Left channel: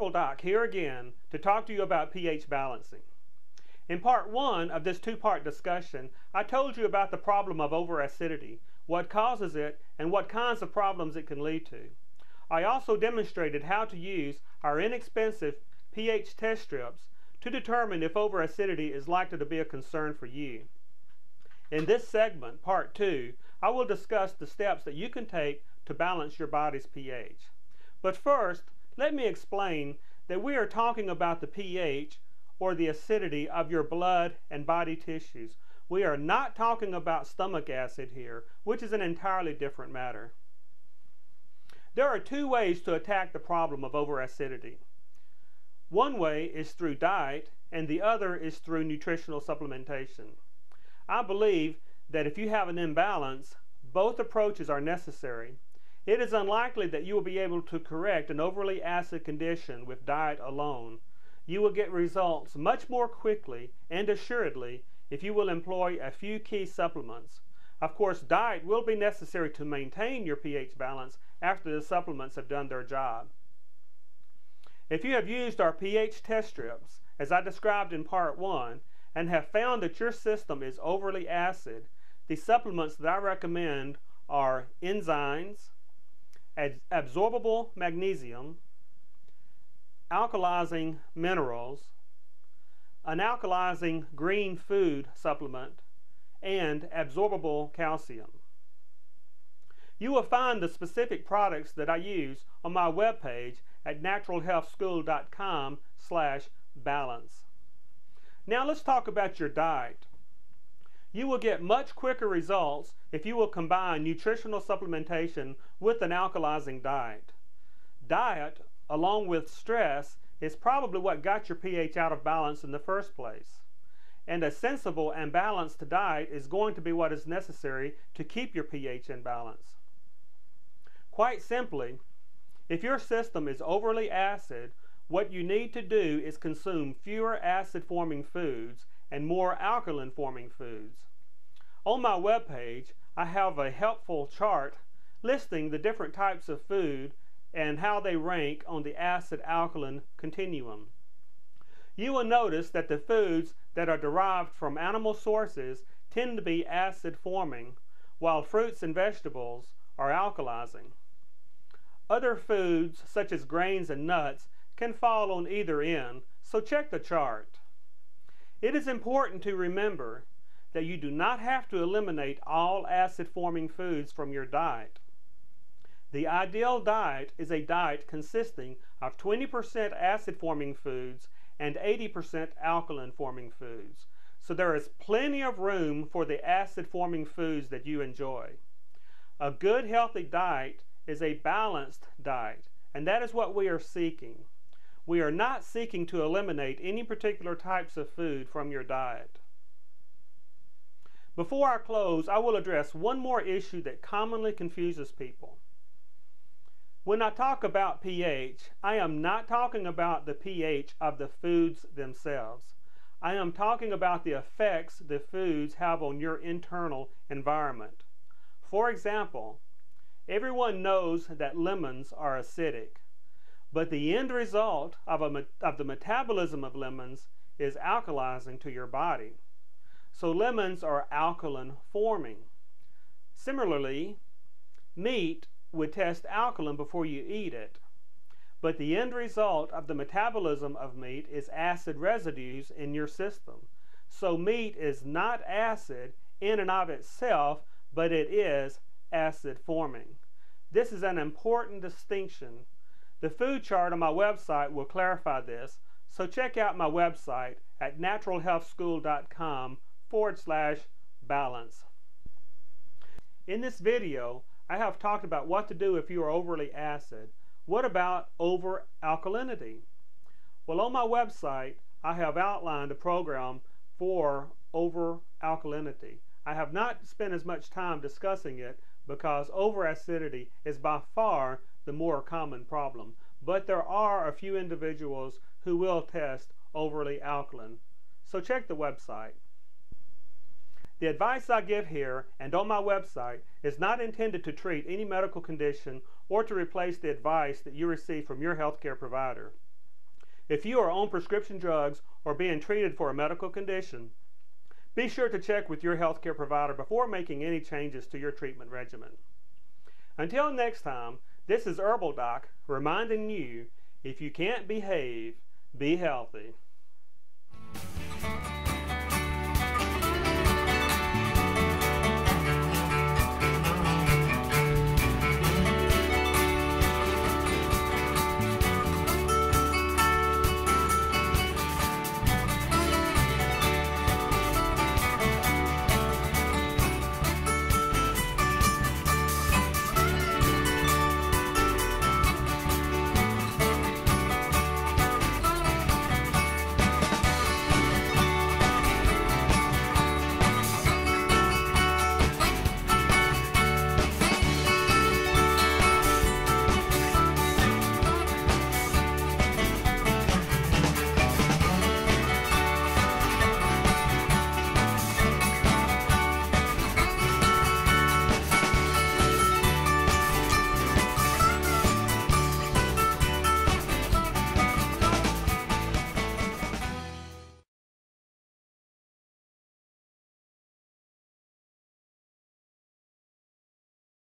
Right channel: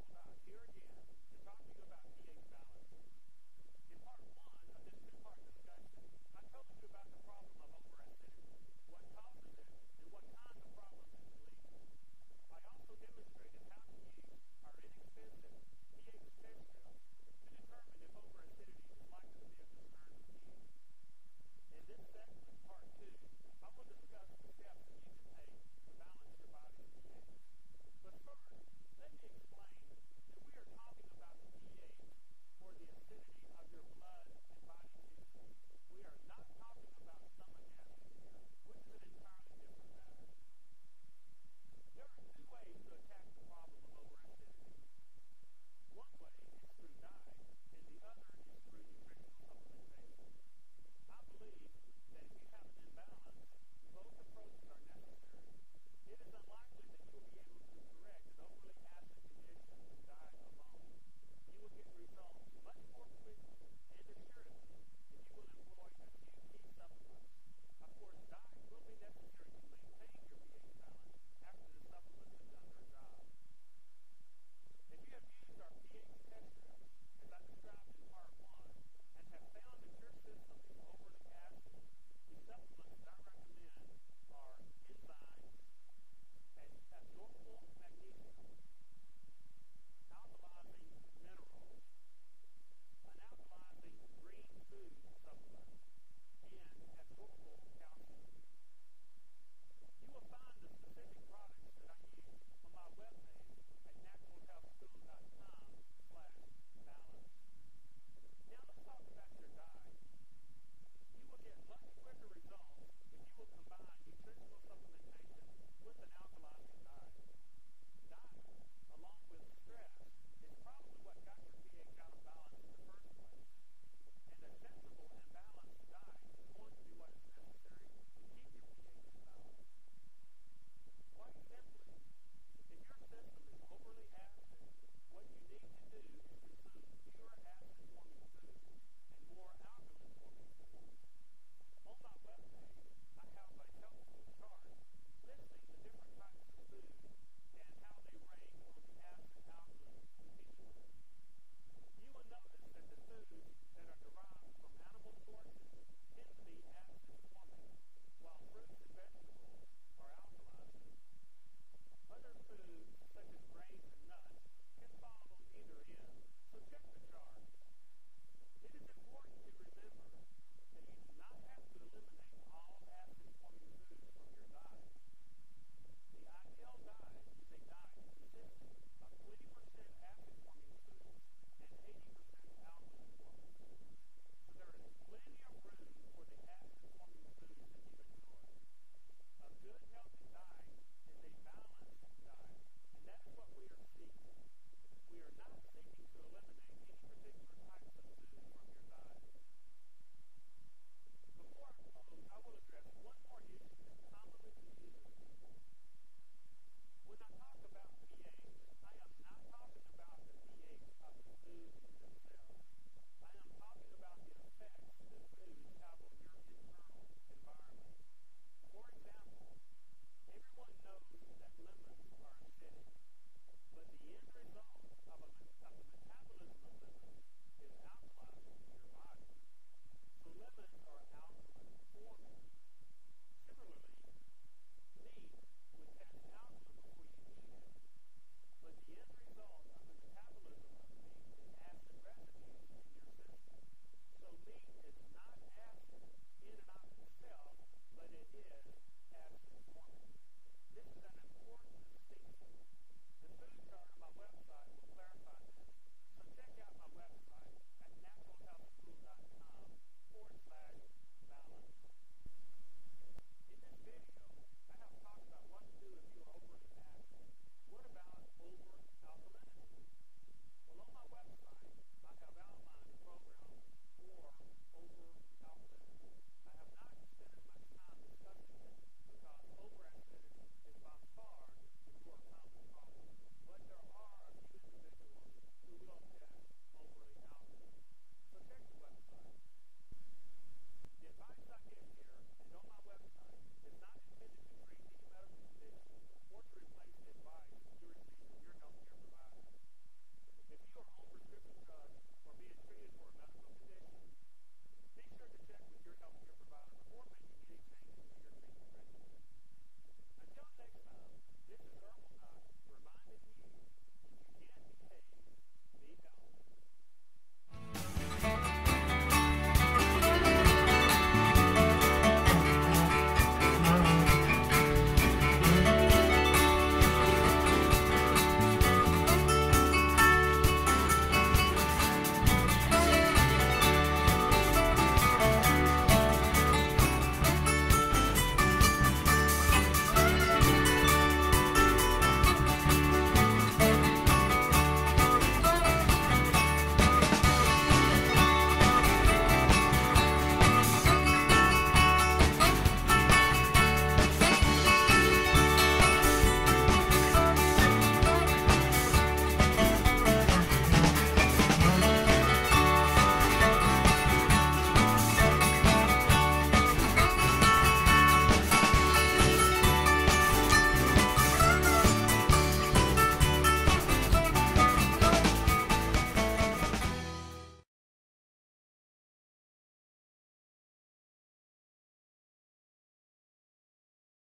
Herbal Doc here again to talk to you about pH balancing. In part 1 of this two-part discussion, I told you about the problem of over-acidity, what causes it, and what kinds of problems it can lead to. I also demonstrated how to use our inexpensive pH test strips to determine if over-acidity is likely to be a concern for you. In this segment, part 2, I will discuss the steps that you can take to balance your body's pH. But first, let me explain that we are talking about the pH or the acidity of your blood and body tissues. We are not talking about stomach acid here, which is an entirely different matter. There are two ways to attack the problem of over-acidity. One way is through diet, and the other is through nutritional supplementation. I believe that if you have an imbalance, both approaches are necessary. It is unlikely that you will be able to correct an overly acid condition with diet alone. You will get results much more quickly and assuredly if you will employ a few key supplements. Of course, diet will be necessary to maintain your pH balance after the supplements have done their job. If you have used our pH test strips, as I described in part 1, and have found that your system is overly acid, the supplements that I recommend are enzymes, absorbable magnesium, alkalizing minerals, an alkalizing green food supplement, and absorbable calcium. You will find the specific products that I use on my webpage at naturalhealthschool.com/balance. Now let's talk about your diet. You will get much quicker results if you will combine nutritional supplementation with an alkalizing diet. Diet, along with stress, is probably what got your pH out of balance in the first place. And a sensible and balanced diet is going to be what is necessary to keep your pH in balance. Quite simply, if your system is overly acid, what you need to do is consume fewer acid-forming foods and more alkaline-forming foods. On my webpage, I have a helpful chart listing the different types of food and how they rank on the acid-alkaline continuum. You will notice that the foods that are derived from animal sources tend to be acid-forming, while fruits and vegetables are alkalizing. Other foods, such as grains and nuts, can fall on either end, so check the chart. It is important to remember that you do not have to eliminate all acid-forming foods from your diet. The ideal diet is a diet consisting of 20% acid-forming foods and 80% alkaline-forming foods, so there is plenty of room for the acid-forming foods that you enjoy. A good healthy diet is a balanced diet, and that is what we are seeking. We are not seeking to eliminate any particular types of food from your diet. Before I close, I will address one more issue that commonly confuses people. When I talk about pH, I am not talking about the pH of the foods themselves. I am talking about the effects the foods have on your internal environment. For example, everyone knows that lemons are acidic, but the end result of the metabolism of lemons is alkalizing to your body. So lemons are alkaline forming. Similarly, meat would test alkaline before you eat it, but the end result of the metabolism of meat is acid residues in your system. So meat is not acid in and of itself, but it is acid forming. This is an important distinction. The food chart on my website will clarify this, so check out my website at naturalhealthschool.com/balance. In this video, I have talked about what to do if you are overly acid. What about over-alkalinity? Well, on my website, I have outlined a program for over-alkalinity. I have not spent as much time discussing it because over-acidity is by far the more common problem. But there are a few individuals who will test overly alkaline. So check the website. The advice I give here and on my website is not intended to treat any medical condition or to replace the advice that you receive from your healthcare provider. If you are on prescription drugs or being treated for a medical condition, be sure to check with your healthcare provider before making any changes to your treatment regimen. Until next time, this is Herbal Doc reminding you, if you can't behave, be healthy.